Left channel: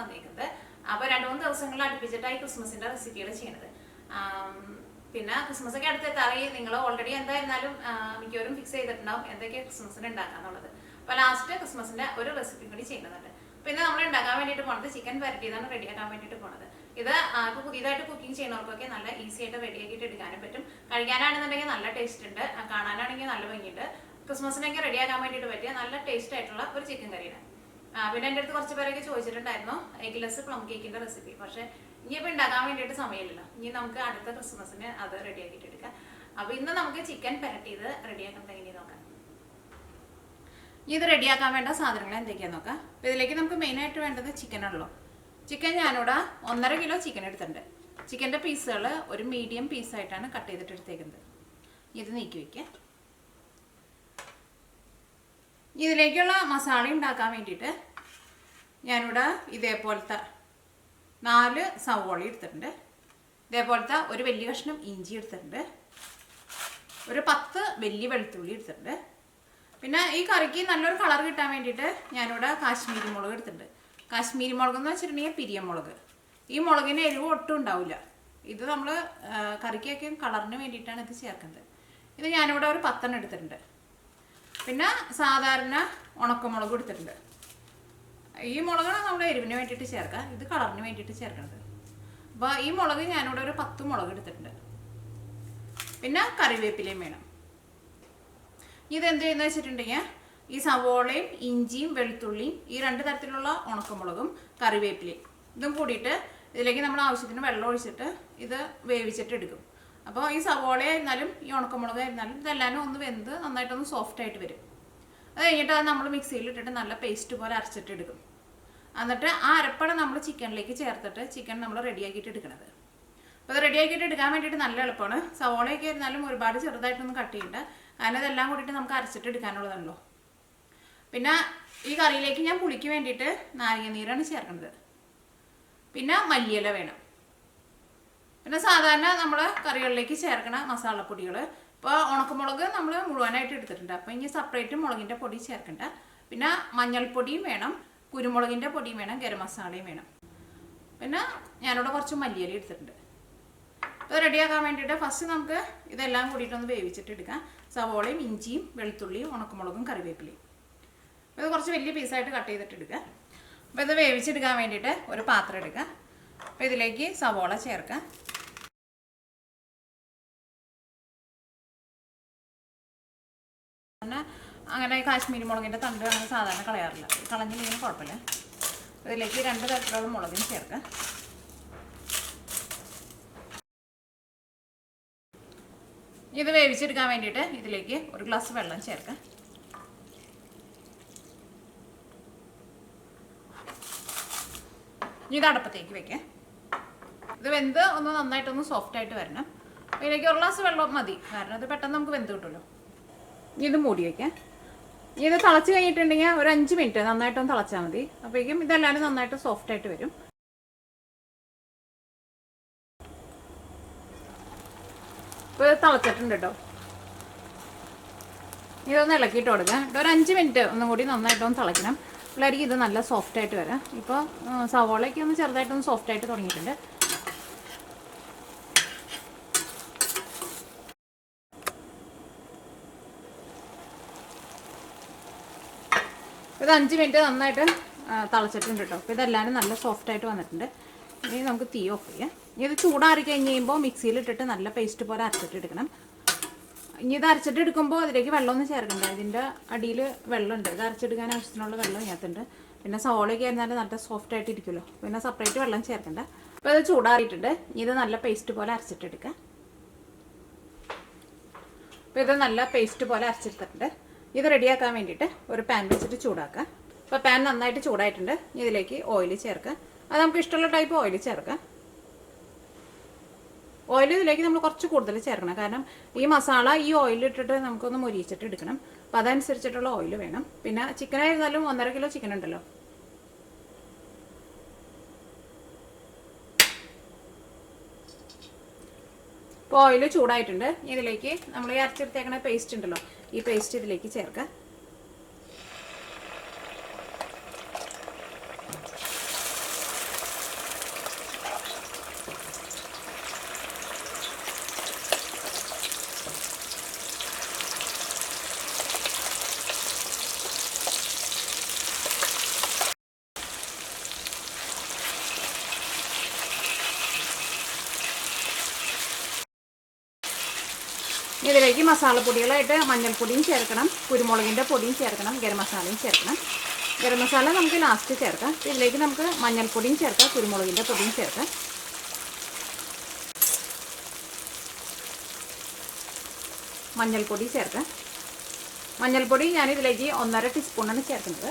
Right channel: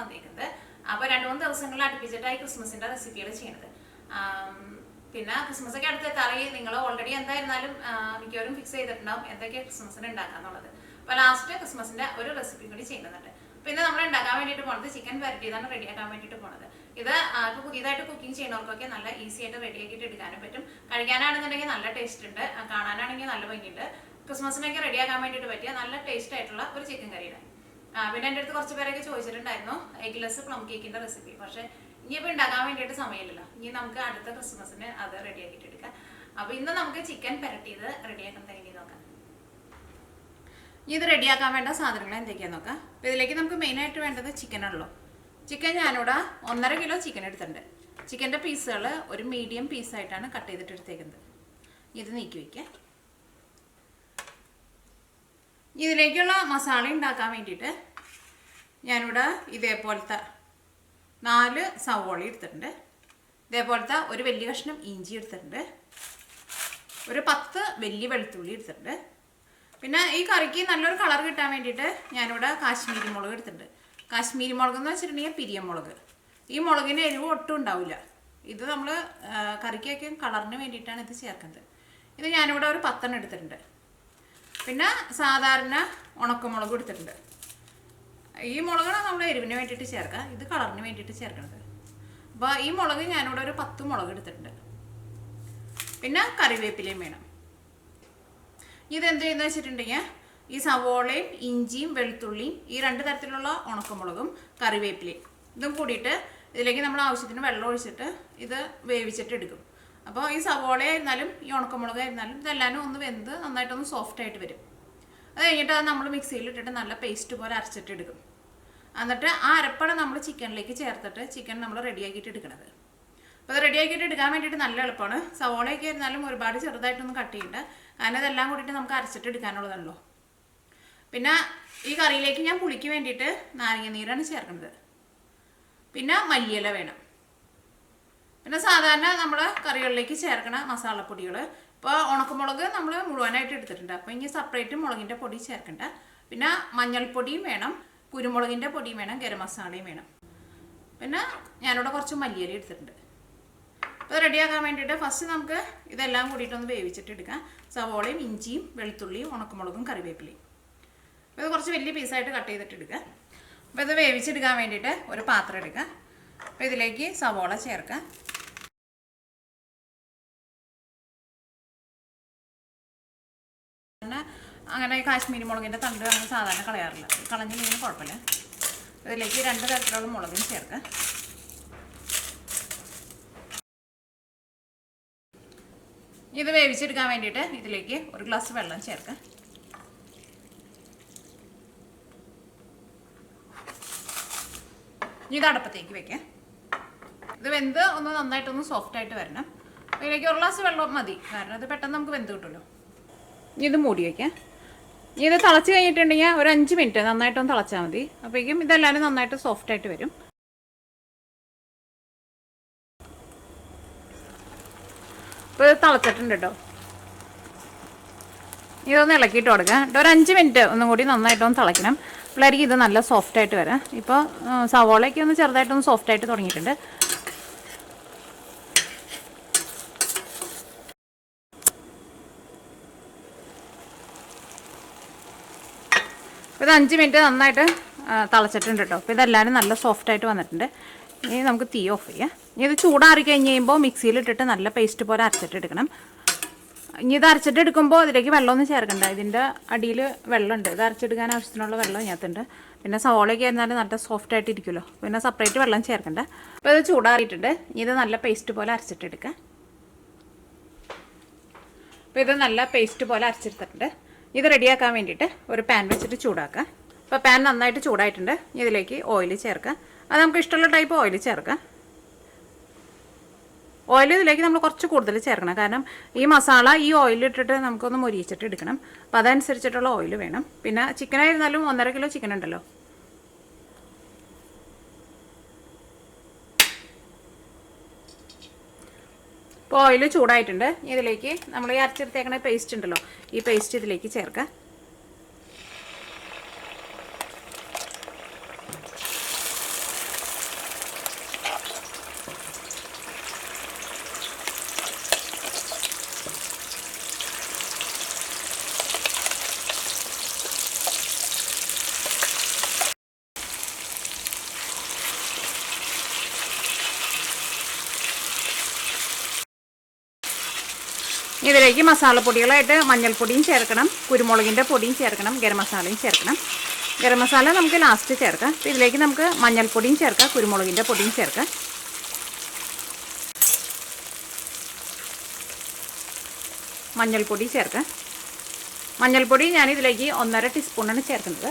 വന്നിരിക്കുന്നത്. അപ്പോൾ 2-3 ദിവസങ്ങളിൽ അടുപ്പിച്ചിട്ടായി ക്രിസ്മസിൻ്റെ റെസിപ്പികൾ ചെയ്യണത്. പിന്നെ ക്രിസ്മസ് ഒക്കെ അടുത്തെത്താറായി. നിങ്ങൾ ഓൾറെഡി എന്തായിരുന്നാലും മിക്കവരും ഫിക്സ് ചെയ്തിട്ടുണ്ടാവും എന്തൊക്കെയാണ് ക്രിസ്മസിന് ഉണ്ടാക്കാന്നുള്ളത്. അപ്പോൾ ലാസ്റ്റ് ക്രിസ്മസിൻ്റെ ഒരു റെസിപ്പി കൂടി ചെയ്യുന്നുണ്ട്. പിന്നെ നമ്മൾ ഉണ്ടാക്കാൻ വേണ്ടിയിട്ട് പോണത് ചിക്കൻ വരട്ടിയതാണ് റെഡിയാക്കാൻ വേണ്ടിയിട്ട് പോണത്. ഇത് ഇപ്പോൾ പുതിയതായിട്ട് കുക്കിംഗ് ചെയ്യുന്നവർക്കൊക്കെ നല്ല ഈസി ആയിട്ട് റെഡിയാക്കിയിട്ട് എടുക്കാനും പറ്റും. കഴിക്കാനാണെന്നുണ്ടെങ്കിൽ നല്ല ടേസ്റ്റ് ഉണ്ട്, കാണാനാണെങ്കിൽ നല്ല ഭംഗിയുണ്ട്. ക്രിസ്മസിനൊക്കെ റെഡിയാക്കാൻ വേണ്ടിയിട്ട് പറ്റിയ നല്ല ടേസ്റ്റ് ആയിട്ടുള്ള ഒരു ചിക്കൻ കറിയാണ്. പിന്നെ എൻ്റെ അടുത്ത് കുറച്ച് പേരൊക്കെ ചോദിച്ചിട്ടുണ്ടായിരുന്നു എഗ്ലെസ് പ്ലം കേക്കിൻ്റെ റെസിപ്പി. പക്ഷേ ഇനിയിപ്പോൾ ഉണ്ടാക്കാൻ വേണ്ടിയിട്ട് സമയമില്ലല്ലോ. ഇനി നമുക്ക് അടുത്ത ക്രിസ്മസിന് അത് റെഡിയാക്കിയിട്ട് എടുക്കാം. അപ്പോൾ ഇന്ന് നമുക്ക് ചിക്കൻ പുരട്ടിയത് റെഡിയാക്കുന്നത് എങ്ങനെയാണ് നോക്കാം. ഇത് റെഡിയാക്കാൻ വേണ്ട സാധനങ്ങൾ എന്തൊക്കെയാണെന്ന് നോക്കാം. അപ്പോൾ ഇതിലേക്ക് നമുക്ക് മെയിനായിട്ട് വേണ്ടത് ചിക്കനാണല്ലോ. ചിക്കൻ ഞാനിവിടെ 1.5 കിലോ ചിക്കൻ എടുത്തിട്ടുണ്ട്. ചിക്കൻ്റെ പീസുകൾ ഒരു മീഡിയം പീസായിട്ടാണ് കട്ട് ചെയ്തിട്ട് എടുത്തേക്കുന്നത്. ഇത് നീക്കി വയ്ക്കാം. ഇതിലേക്കുള്ള മസാല ഉണ്ടാക്കാൻ വേണ്ടിയിട്ട് ഞാനിവിടെ ഇതേപോലത്തെ 4 സവോള എടുത്തിട്ടുണ്ട്. ഇതേപോലത്തെ ഒരു വലിയ കഷ്ണം ഇഞ്ചി എടുത്തിട്ടുണ്ട്. ഒരു 10 വലിയ വെളുത്തുള്ളി എടുത്തിട്ടുണ്ട്. പിന്നെ ഈ കറിക്ക് നല്ലൊരു കളർ കിട്ടാൻ വേണ്ടിയിട്ട് ഞാനിവിടെ കാശ്മീരി മുളക് എടുത്തിട്ടുണ്ട്. കാശ്മീരി മുളക് എന്ന് വെച്ചിട്ടുണ്ടെങ്കിൽ പിരിയമുളക്. ഈ മുളകിന് എരിവ് ഒട്ടും ഉണ്ടാവില്ല. ഇത് നമ്മൾ കറിക്കൊക്കെ കളറിന് വേണ്ടിയിട്ടാണ് ഇത് ചേർക്കുന്നത്. ഇത് ഞാനിവിടെ ഒരു 10 എടുത്തിട്ടുണ്ട്. പിന്നെ സാധാരണ ഉണക്കമുളക് എടുത്തിട്ടുണ്ട്. ഈ മുളകാണ് നമ്മൾ എരിവിന് വേണ്ടിയിട്ട് ചേർക്കുക, ഇത് കളറിന് വേണ്ടിയിട്ട് ചേർക്കുന്നത്. അപ്പോൾ ഈ മുളക് ഞാനിവിടെ ഒരു 10 മുളക് എടുത്തിട്ടുണ്ട്. പിന്നെ കറിവേപ്പിലയും വേണം. ഇതെന്ത് ചെയ്യുന്നത് വെച്ചിട്ടുണ്ടെങ്കിൽ ഈ സവോളയും ഇഞ്ചിയും വെളുത്തുള്ളിയും ഈ 2 തരത്തിലുള്ള ഉണക്കമുളകും കറിവേപ്പിലയും ഇതും കൂടിയിട്ട് ഇതിലേക്ക് നമ്മൾ ആവശ്യത്തിന് വെള്ളം ഒഴിച്ചിട്ട് ഇത് വേവിച്ചിട്ട് എടുക്കും. അപ്പോൾ ഈ സവോള ആയിരുന്നാലും ഈ ഉണക്കമുളക് ആയിരുന്നാലും ഇതെല്ലാവരും ഒന്ന് വെന്ത് നന്നായിട്ടൊന്ന് സോഫ്റ്റായിട്ട് വരും. അത് കഴിഞ്ഞിട്ട് അത് നമ്മൾ മിക്സിയിൽ ഇട്ടിട്ട് നല്ല പേസ്റ്റ് പോലെ അരച്ചിട്ട് എടുക്കും. എന്നിട്ട് ആ അരപ്പാണ് നമ്മൾ ചിക്കനിലേക്ക് ചേർത്തിട്ട് ചിക്കൻ നമ്മൾ റെഡിയാക്കിയിട്ട് എടുക്കുന്നത്. അപ്പോൾ അത് റെഡിയാക്കിയിട്ട് എടുക്കാൻ വേണ്ടിയിട്ട് നല്ല എളുപ്പമാണ്. സവോളയൊക്കെ ആയിരുന്നാലും ഒരുപാട് ചെറുതായിട്ടൊന്നും കട്ട് ചെയ്യേണ്ട, കാരണം ഇതെല്ലാം കൂടിയിട്ട് നമുക്ക് അരച്ചിട്ട് എടുക്കാനുള്ളതാണല്ലോ. പിന്നെ ഈ കറിയിലേക്ക് ഞാൻ പുളിക്ക് വേണ്ടിയിട്ട് നാരങ്ങ നീരാണ് ചേർക്കുന്നത്. പിന്നെ മല്ലിയില വേണം. പിന്നെ സാധാരണ നമ്മൾ കറികളിലേക്ക് ചേർക്കണ മസാലപ്പൊടികൾ, ഇപ്പോൾ ഉണക്കമുളക് നമ്മൾ മുഴുവനായിട്ട് എടുത്തിട്ടുണ്ട്. അപ്പോൾ ഇനി സെപ്പറേറ്റ് മുളകിൻ്റെ പൊടി ചേർക്കണ്ട. പിന്നെ മഞ്ഞൾപ്പൊടിയും വേണം, കുരുമുളകിൻ്റെ പൊടിയും വേണം, ഗരം മസാലയും വേണം. പിന്നെ ഞാനിവിടെ കുറച്ച് മല്ലിയില എടുത്തിട്ടുണ്ട്. അപ്പോൾ റെഡിയാക്കാൻ വേണ്ടിയിട്ട് ഫസ്റ്റ് നമുക്ക് ഇതെല്ലാം കൂടിയിട്ടൊന്ന് വേവിച്ചിട്ട് എടുക്കാം. സവോളയും ഇഞ്ചിയും വെളുത്തുള്ളിയും ഉണക്കമുളകും കറിവേപ്പിലയും. അപ്പോൾ ഇത് കുറച്ച് വലിയ പീസായിട്ട് കട്ട് ചെയ്തിട്ട് എടുക്കുക. അപ്പോൾ ഇത് വേവിച്ചെടുക്കാൻ വേണ്ടിയിട്ട് ഒരു പാത്രം എടുക്കുക. അപ്പോൾ ഇതിലേക്ക് സവോള ചേർക്കുക. അങ്ങനെ കാശ്മീരി മുളകിൻ്റെ തണ്ട് അങ്ങനെ സാധാരണ കളയാറില്ല, കളഞ്ഞില്ലെങ്കിലും കുഴപ്പമില്ല. ഇതിലേക്ക് 2 തരത്തിലുള്ള മുളകും ചേർക്കുക. ഇത് വേവിച്ചെടുക്കാൻ വേണ്ടിയിട്ട് ഇതിലേക്ക് 1 ഗ്ലാസ് വെള്ളം ചേർക്കുക. ഇത് അടുപ്പത്തേക്ക് വെക്കുക. ഇത് വെന്ത് ഒന്ന് നന്നായിട്ടൊന്ന് സോഫ്റ്റായിട്ട് വരണം. ഇതിലേക്ക് 1 ഗ്ലാസ് വെള്ളം മതി, കാരണം ഇത് പെട്ടെന്ന് നമുക്ക് വെന്ത് കിട്ടുമല്ലോ. ഇത് മൂടി വയ്ക്കാം. ഇത് തിളച്ച് കഴിഞ്ഞിട്ടുണ്ടെങ്കിൽ ഒരു 5 മിനിറ്റ് നന്നായിട്ടൊന്ന് തിളച്ചാൽ മതി. അപ്പോഴേക്കും ഇതെല്ലാവരും നന്നായിട്ട് സോഫ്റ്റായിട്ട് വരും. ഇപ്പോൾ ഇത് തിളച്ചിട്ടുണ്ട് കേട്ടോ. ഇതൊന്ന് ഇളക്കിയിട്ട് കൊടുക്കാം. ഒരു 5 മിനിറ്റ് ഒന്നും കൂടി നന്നായിട്ടൊന്ന് തിളയ്ക്കണം. പിള്ളേർക്ക് ഇത് നല്ല സോഫ്റ്റായിട്ട് വരാം. ഇപ്പോൾ സവോളയ്ക്ക് ഒന്ന് ചെറുതായിട്ടൊന്ന് സോഫ്റ്റായിട്ട് തുടങ്ങിയിട്ടുണ്ട്. ഇത് 5 മിനിറ്റ് നന്നായിട്ട് തിളച്ചിട്ടുണ്ട് കേട്ടോ. അപ്പോൾ ഇതെല്ലാവരും നല്ല സോഫ്റ്റായിട്ട് വന്നിട്ടുണ്ട്. ഇനി നമുക്ക് തീ ഓഫ് ചെയ്യാം. ഇനി ഇത് ചൂടാറി കഴിഞ്ഞ് കഴിയുമ്പോൾ മിക്സിയിലിട്ടിട്ട് നല്ല പേസ്റ്റ് പോലെ അരച്ചിട്ട് എടുക്കണം. ഇനി ഇത് അരച്ചിട്ട് എടുക്കുമ്പോൾ ഇതിലേക്ക് വെള്ളമൊന്നും ചേർക്കണ്ട. ഇതിൻ്റെ അടിയിൽ വെള്ളമുണ്ട്. ഇത് അരച്ചെടുക്കാൻ ആവശ്യത്തിനുള്ള വെള്ളം ഇതിനകത്തുണ്ട്. പിന്നെ സവോളയൊക്കെ ആയിരുന്നാലും നല്ല സോഫ്റ്റായിട്ട് ഇരിക്കുമല്ലോ, പിന്നെ സെപ്പറേറ്റ് വെള്ളം ചേർക്കണ്ട. അപ്പോൾ ഇത് ചൂടാറിയിട്ടുണ്ട്. ഇനി ഇത് നല്ല പേസ്റ്റ് പോലെ അരച്ചിട്ടെടുക്കുക. അപ്പോൾ ഇത് നല്ല പേസ്റ്റ് പോലെ അരച്ചെടുത്തിട്ടുണ്ട്. ഇത് റെഡിയാക്കാൻ വേണ്ടിയിട്ട് ഒരു പാൻ വെച്ചിട്ട് ചൂടാക്കുക. അപ്പോൾ പാൻ നന്നായിട്ട് ചൂടായിട്ടുണ്ട്. ഇതിലേക്ക് ഓയിൽ ചേർക്കുക. അത് നമുക്ക് ഇഷ്ടമുള്ള ടൈപ്പ് ഓയിൽ ചേർക്കാം. ഓയിൽ ഇതിലേക്ക് നമ്മൾ കുറച്ച് കൂടുതൽ ചേർക്കണം, കാരണം ഈ മസാല ഈ ഓയിലിട്ടിട്ട് നമുക്കൊന്ന് മൊരിയിച്ചിട്ട് എടുക്കണം. അപ്പോൾ അതനുസരിച്ചിട്ടുള്ള ഓയിൽ വേണം. പിന്നെ ചിക്കനായിരുന്നാലും 1.5 കിലോ ചിക്കൻ ഉണ്ടല്ലോ. ഇപ്പോൾ ഓയിൽ ചൂടായിട്ടുണ്ട്. ഇതിലേക്ക് നമ്മൾ ഈ അരച്ചെടുത്തേക്കണ പേസ്റ്റ് ഉണ്ടല്ലോ, ഈ പേസ്റ്റ് ഇതിലേക്ക് ചേർക്കാം. ഇതിലേക്ക് മസാലപ്പൊടികളായിട്ട് മഞ്ഞൾപ്പൊടിയും ചേർക്കണം, കുരുമുളകിൻ്റെ പൊടിയും ചേർക്കണം, ഗരം മസാലയും ചേർക്കണം. ഗരം മസാല നമുക്ക് ലാസ്റ്റ് ചേർക്കാം. ഇതിലേക്ക് നമുക്ക് മഞ്ഞൾപ്പൊടിയും ചേർക്കാം, കുരുമുളകിൻ്റെ പൊടിയും ചേർക്കാം. മഞ്ഞൾപ്പൊടി ചേർക്കാം. മഞ്ഞൾപ്പൊടി ഞാനിതിലേക്ക് 1.5 ടീസ്പൂണാണ് ചേർക്കുന്നത്.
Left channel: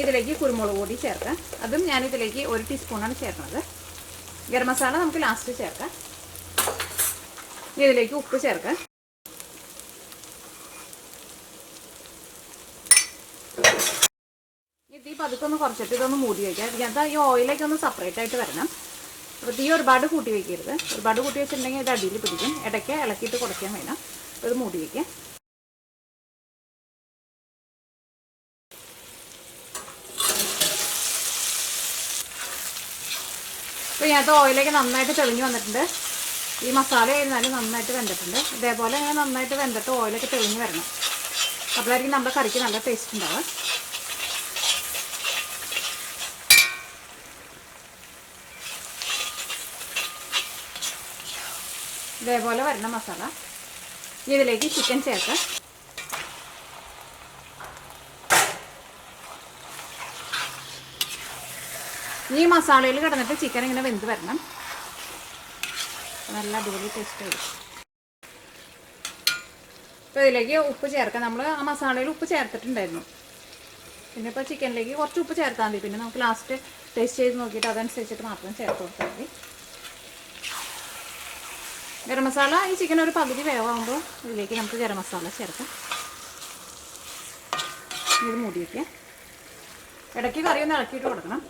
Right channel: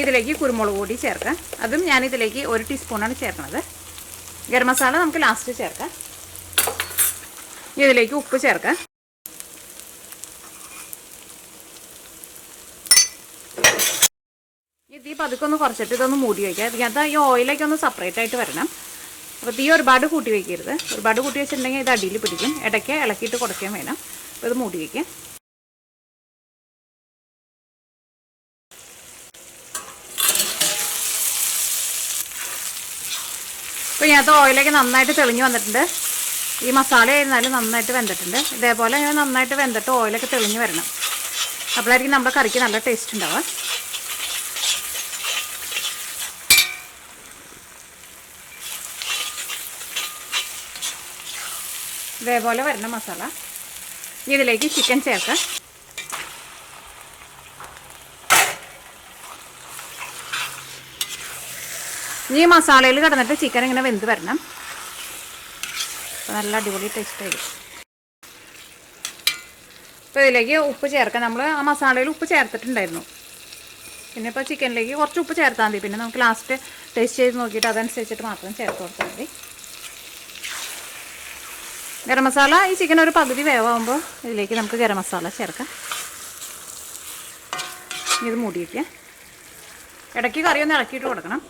ഇതിലേക്ക് കുരുമുളക് പൊടി ചേർക്കാം. അതും ഞാനിതിലേക്ക് 1 ടീസ്പൂണാണ് ചേർക്കുന്നത്. ഗരം മസാല നമുക്ക് ലാസ്റ്റ് ചേർക്കാം. ഇതിലേക്ക് ഉപ്പ് ചേർക്കാം. തീ പതുക്കെ ഒന്ന് കുറച്ചിട്ട് ഇതൊന്ന് മൂടി വയ്ക്കുക. ഇതിനകത്ത് ഈ ഓയിലേക്ക് ഒന്ന് സെപ്പറേറ്റ് ആയിട്ട് വരണം. അപ്പോൾ തീ ഒരുപാട് കൂട്ടി വയ്ക്കരുത്. ഒരുപാട് കൂട്ടി വെച്ചിട്ടുണ്ടെങ്കിൽ ഇത് അടിയിൽ പിടിക്കും. ഇടയ്ക്ക് ഇളക്കിയിട്ട് കൊടുക്കാൻ വേണം. ഇത് മൂടി വയ്ക്കുക. അപ്പോൾ ഇതിനകത്ത് ഓയിലേക്ക് നന്നായിട്ട് തെളിഞ്ഞ് വന്നിട്ടുണ്ട്. ഈ മസാല ആയിരുന്നാലും നന്നായിട്ട് വെന്തിട്ടുണ്ട്. ഇതേപോലെ നന്നായിട്ട് വെന്തിട്ട് ഓയിലൊക്കെ തെളിഞ്ഞ് വരണം. അപ്പോഴായിരിക്കും നമ്മുടെ കറിക്ക് നല്ല ടേസ്റ്റ് ഉണ്ടാവുക. ഇതേപോലെ വരുന്ന മസാല ഇതിലേക്ക് ചിക്കൻ ചേർക്കാം. ഈ മസാലയിൽ കിടന്നിട്ട് ചിക്കൻ ഇങ്ങനെ വെന്ത് വരണം. നല്ല അടിപൊളി ടേസ്റ്റ് ആയിരിക്കും. അപ്പോൾ ഇതിലേക്ക് ഉപ്പ് ചേർക്കാം. നമ്മൾ ആ മസാലയിൽ ഉപ്പ് ചേർത്തിട്ടുണ്ടായിരുന്നു. പിന്നെ ഇപ്പോൾ ചിക്കനിലേക്ക് കുറച്ച് ഉപ്പ് ചേർത്താൽ മതി. പിന്നെ നമുക്ക് ലാസ്റ്റ് ടേസ്റ്റ് ചെയ്ത് നോക്കിയിട്ട് അതനുസരിച്ചിട്ട് മാത്രം ചേർത്ത് കൊടുത്താൽ മതി. ഗരം മസാല ഈ ചിക്കൻ ഒരു പകുതി വേവാകുമ്പോൾ ഇതിലേക്ക് നമുക്ക് ഗരം മസാല ചേർക്കാം. ഇത് മൂടി വയ്ക്കാം. ഇടയ്ക്ക് കറി ഒന്ന് ഇളക്കിയിട്ട് കൊടുക്കണം.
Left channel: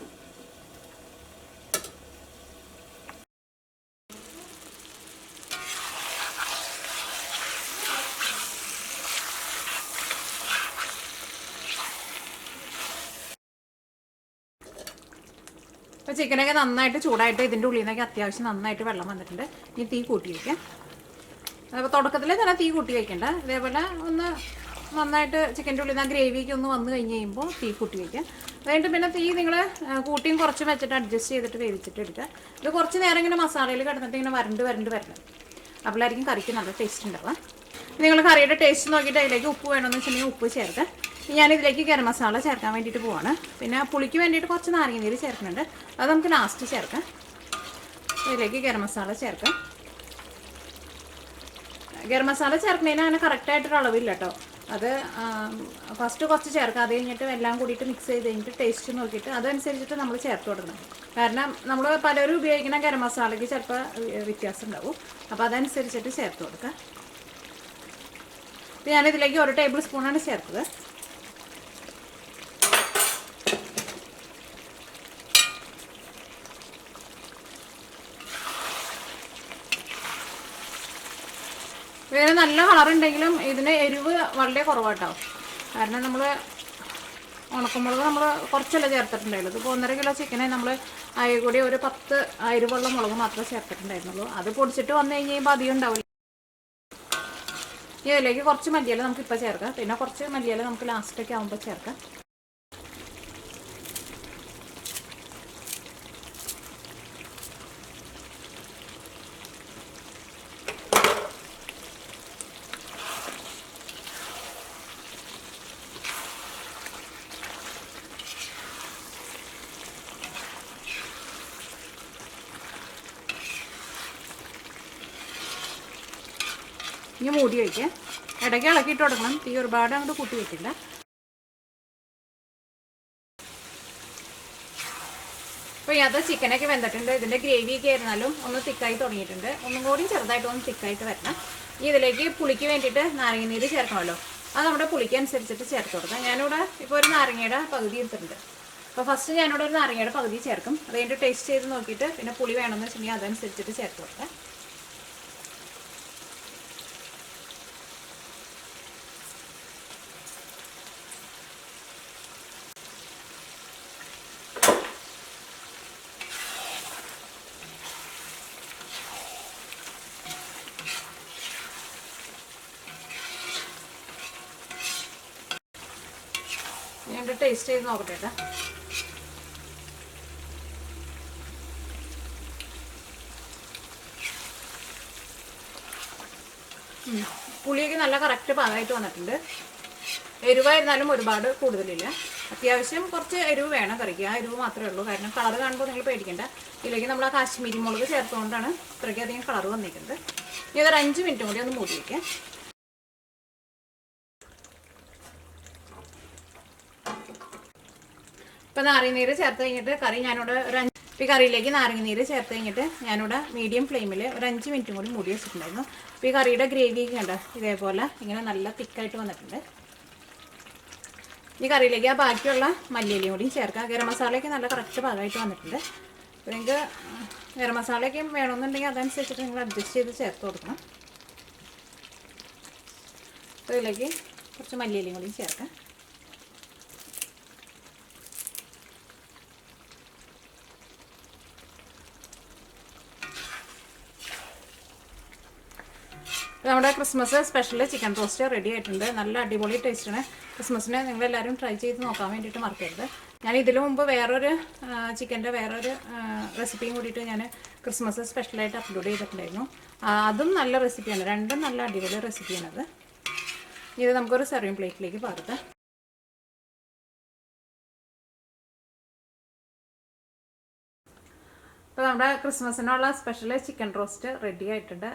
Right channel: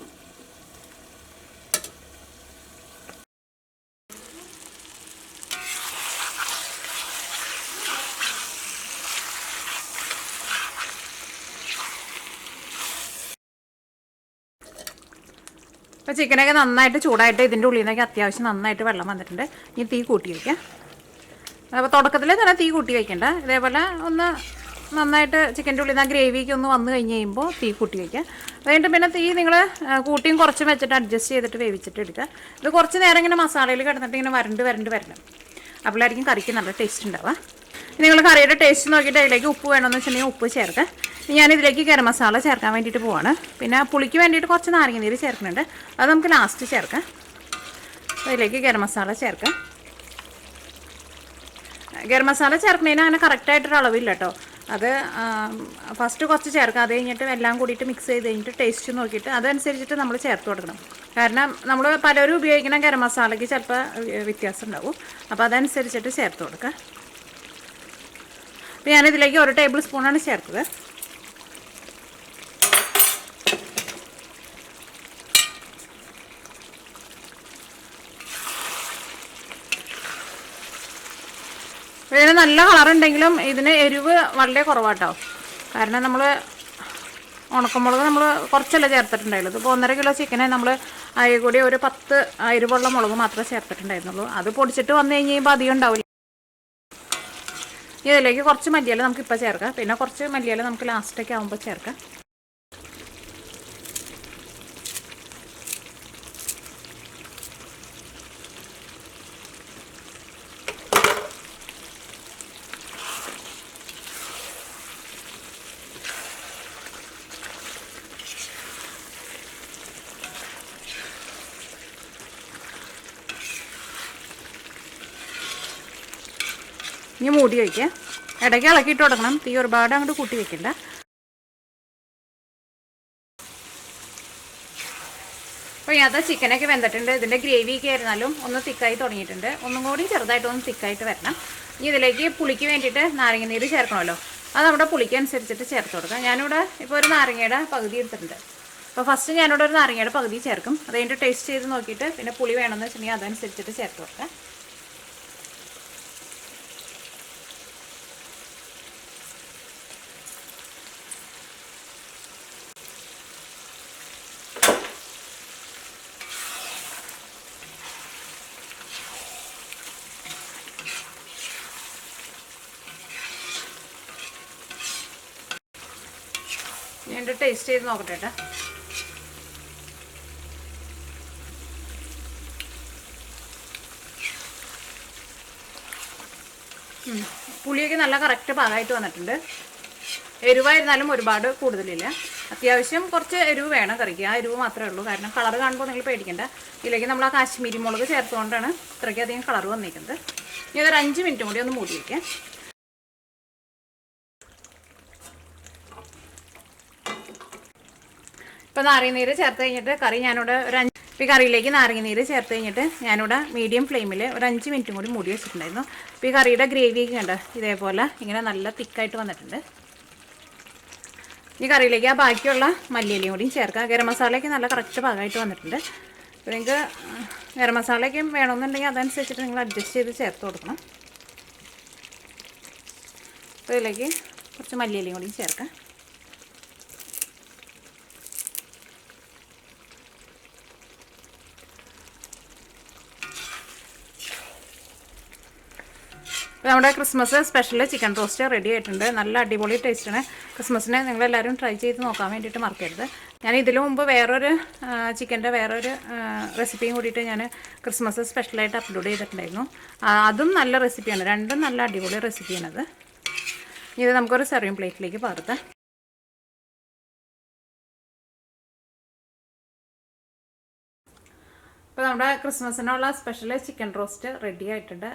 അപ്പോൾ ചിക്കനൊക്കെ നന്നായിട്ട് ചൂടായിട്ട് ഇതിൻ്റെ ഉള്ളിൽ നിന്നൊക്കെ അത്യാവശ്യം നന്നായിട്ട് വെള്ളം വന്നിട്ടുണ്ട്. ഇനി തീ കൂട്ടി വയ്ക്കാം. അപ്പോൾ തുടക്കത്തിൽ തന്നെ തീ കൂട്ടി വയ്ക്കേണ്ട. ഇതേപോലെ ഒന്ന് നന്നായിട്ട് ചിക്കൻ്റെ ഉള്ളിൽ നിന്ന് ആ ഗ്രേവിക്ക് ഒന്ന് വന്നു കഴിഞ്ഞ് കഴിയുമ്പോൾ തീ കൂട്ടി വയ്ക്കുക. അതുകഴിഞ്ഞിട്ട് പിന്നെ തീ നിങ്ങൾ കൂട്ടിയും കുറച്ച് വെച്ചിട്ട് അഡ്ജസ്റ്റ് ചെയ്തിട്ട് വേവിച്ചിട്ട് എടുക്കുക. ഇത് കുറച്ച് നേരം ഇങ്ങനെ മസാലയിൽ കിടന്നിട്ട് ഇങ്ങനെ വരണ്ട് വരണം. അപ്പോഴായിരിക്കും കറിക്ക് നല്ല ടേസ്റ്റ് ഉണ്ടാവുക. നിങ്ങൾ കറിയുടെ ടേസ്റ്റ് നോക്കിയിട്ട് അതിലേക്ക് ഉപ്പ് വേണമെന്ന് വെച്ചിട്ടുണ്ടെങ്കിൽ ഉപ്പ് ചേർക്കുക. ഞാനിതിലേക്ക് ഗരം മസാല ചേർക്കാൻ വേണ്ടിയിട്ട് പോവാണ്. പിന്നെ പുളിക്ക് വേണ്ടിയിട്ട് കുറച്ച് നാരങ്ങ നീര് ചേർക്കുന്നുണ്ട്. അത് നമുക്ക് ലാസ്റ്റ് ചേർക്കാം. അതിലേക്ക് ഗരം മസാല ചേർക്കാം. ഗരം മസാല ചേർക്കുന്നതിന് അങ്ങനെ കറക്റ്റായിട്ടൊരു അളവില്ല കേട്ടോ. അത് ഫസ്റ്റ് കുറച്ച് ചേർക്കാം. അത് കഴിഞ്ഞിട്ട് എല്ലാം കൂടിയിട്ട് മിക്സ് ചെയ്ത് കഴിഞ്ഞിട്ട് ടേസ്റ്റ് നോക്കിയിട്ട് അതനുസരിച്ചിട്ട് നമ്മൾ ചേർത്ത് കൊടുക്കണം. കാരണം നമ്മൾ പലരും ഉപയോഗിക്കുന്ന ഗരം മസാലയ്ക്ക് ചിലപ്പോൾ വ്യത്യാസം ഉണ്ടാവും. അപ്പോൾ അതനുസരിച്ചിട്ട് ചേർത്ത് കൊടുക്കുക. അപ്പോൾ ഞാനിതിലേക്ക് 1 ടേബിൾ സ്പൂണാണ് ചേർത്തത്. ഇതിന് നല്ല കളറുണ്ടെങ്കിലും ഇതിന് എരിവ് വളരെ കുറവാട്ടോ. കാരണം നമ്മൾ ഉണക്കമുളക് നമ്മൾ കുറച്ചല്ല ചേർത്തിട്ടുണ്ടായുള്ളൂ. ഇപ്പോൾ 1.5 കിലോ ചിക്കനെ നമ്മൾ അതിൽ കൂടി ഒരു 10 എരിവുള്ള മുളക് മാത്രമേ ചേർത്തിട്ടുണ്ടായിരുന്നുള്ളൂ. അത് പൊടിച്ചിട്ട് വന്നു കഴിഞ്ഞ് കഴിയുമ്പോൾ അധികം ഉണ്ടാവില്ല. ഇതിലേക്ക് കുറച്ച് മല്ലിയില നമുക്കിപ്പോൾ ചേർക്കാം. പിന്നെ കുറച്ച് മല്ലിയില നമുക്ക് ലാസ്റ്റൊക്കെ ആകുമ്പോൾ ചേർക്കാം. ഇനി മൂടി വയ്ക്കുക. ഇടയ്ക്ക് ഇളക്കിയിട്ട് കൊടുക്കണം. തീ ഒരുപാട് അങ്ങോട്ട് കൂട്ടി വയ്ക്കില്ല. അപ്പോൾ ഇതിനകത്ത് ചിക്കനൊക്കെ വെന്തിട്ടുണ്ട്. ഇതിൻ്റെ ഗ്രേവിയൊക്കെ ആയിരുന്നാലും ഒന്ന് തിക്കായി തുടങ്ങിയിട്ടുണ്ട്. ഒന്നും കൂടി ചെറുതായിട്ടൊന്ന് തിക്കായിട്ട് വരണം. ഇതിലേക്ക് പുളിക്ക് വേണ്ടിയിട്ട് നാരങ്ങ നീര് ചേർക്കണമല്ലോ. അത് നമ്മുടെ പുളിക്ക് അനുസരിച്ചിട്ട് ചേർത്ത് കൊടുക്കാം. ഞാനിവിടെ ഇപ്പോൾ ഒരു നാരങ്ങയുടെ പകുതി എടുത്തിട്ടുണ്ട്. അപ്പോൾ ഫസ്റ്റ് ഞാനിവിടെ ഒരു നാരങ്ങയുടെ പകുതി ചേർക്കും. അത് കഴിഞ്ഞിട്ട് ടേസ്റ്റ് ചെയ്ത് നോക്കിയിട്ട് പിന്നെ പുളി വേണമെന്ന് വെച്ചിട്ടുണ്ടെങ്കിൽ അതനുസരിച്ചിട്ട് ചേർത്ത് കൊടുക്കാം. ഞാൻ ടേസ്റ്റ് ചെയ്ത് നോക്കട്ടെ. പുളിയൊക്കെ നല്ല കറക്റ്റ് പാകമായിട്ട് വന്നിട്ടുണ്ട്. എരിവായിരുന്നാലും ഒരുപാട് കൂടുതലില്ല. അത്യാവശ്യം കുറച്ച് എരിവ് വേണം കറിക്ക്. ആ എരിവ് മാത്രമേ ഉള്ളൂ. കാരണം കളർ കാണുമ്പോൾ നിങ്ങൾ പേടിക്കേണ്ട. ഇതിലേക്ക് നമ്മൾ ആ കാശ്മീരി മുളക് ചേർത്തുകൊണ്ടാണ് ഇത്രയ്ക്കധികം കളർ വന്നിരിക്കുന്നത്. ഇനി അതൊരു 5 മിനിറ്റും കൂടി ഒന്ന് മൂടി വയ്ക്കാം. ഇപ്പോൾ നാരങ്ങനീര് ചേർത്ത് കഴിഞ്ഞിട്ട് കറി ഞാനിവിടെ ഇപ്പോൾ കറിയിലേക്ക് നാരങ്ങനീര് ചേർത്ത് കഴിഞ്ഞിട്ട് ഞാനിവിടെ മീഡിയം ഫ്ലെയിമിൽ ഒരു 5 മിനിറ്റും കൂടി മൂടി വെച്ചിട്ടുണ്ടായിരുന്നു. ഇപ്പോൾ ഈ കറിയുടെ ഗ്രേവിയൊക്കെ കണ്ട ഇതേപോലെ ഇങ്ങനെ നല്ല തിക്കായിട്ട് വന്നിട്ടുണ്ട്. ഈ കറിയിലേക്ക് ആ ബാക്കിയുള്ള മല്ലിയിലയും കൂടിയും ചേർക്കാം. ഗരം മസാലയൊക്കെ നല്ല കറക്റ്റ് ഭാഗമായിട്ട് വന്നിട്ടുണ്ട്. അപ്പോൾ നിങ്ങൾക്ക് ഗരം മസാലയൊക്കെ വേണമെന്നുണ്ടെങ്കിൽ അതനുസരിച്ചിട്ട് നിങ്ങൾ അഡ്ജസ്റ്റ് ചെയ്ത് ചേർത്ത് കൊടുക്കണം. അപ്പോൾ ഇതിലേക്ക് കുറച്ച് മല്ലിയിലയും കൂടിയും ചേർക്കാം. അപ്പോൾ നമ്മുടെ Christmas special chicken roast ready ആയിട്ടുണ്ട്. നല്ല അടിപൊളി ടേസ്റ്റാണ്. ക്രിസ്മസിനെ നിങ്ങളെല്ലാവരും ട്രൈ ചെയ്ത് നോക്കാൻ വേണ്ടിയിട്ട് മറക്കരുത്. ഞാൻ ഇതിനു മുമ്പ് വേറൊരു ചിക്കൻ്റെ വേറൊരു റെസിപ്പിയും കൂടിയിട്ട് ഞാൻ ക്രിസ്മസ് സ്പെഷ്യലായിട്ട് അപ്ലോഡ് ചെയ്തിട്ടുണ്ടായിരുന്നു. അതും നല്ല റെസിപ്പിയാണ്. രണ്ടും നല്ല അടിപൊളി റെസിപ്പിയാണത്. ഇത് നമുക്കൊരു സെർവിങ് പ്ലേറ്റിലേക്ക് പകർത്താം. അപ്പോൾ നമ്മുടെ ക്രിസ്മസിനുള്ള സ്പെഷ്യൽ ചിക്കൻ റോസ്റ്റ് റെഡി ആയിട്ടുണ്ട്.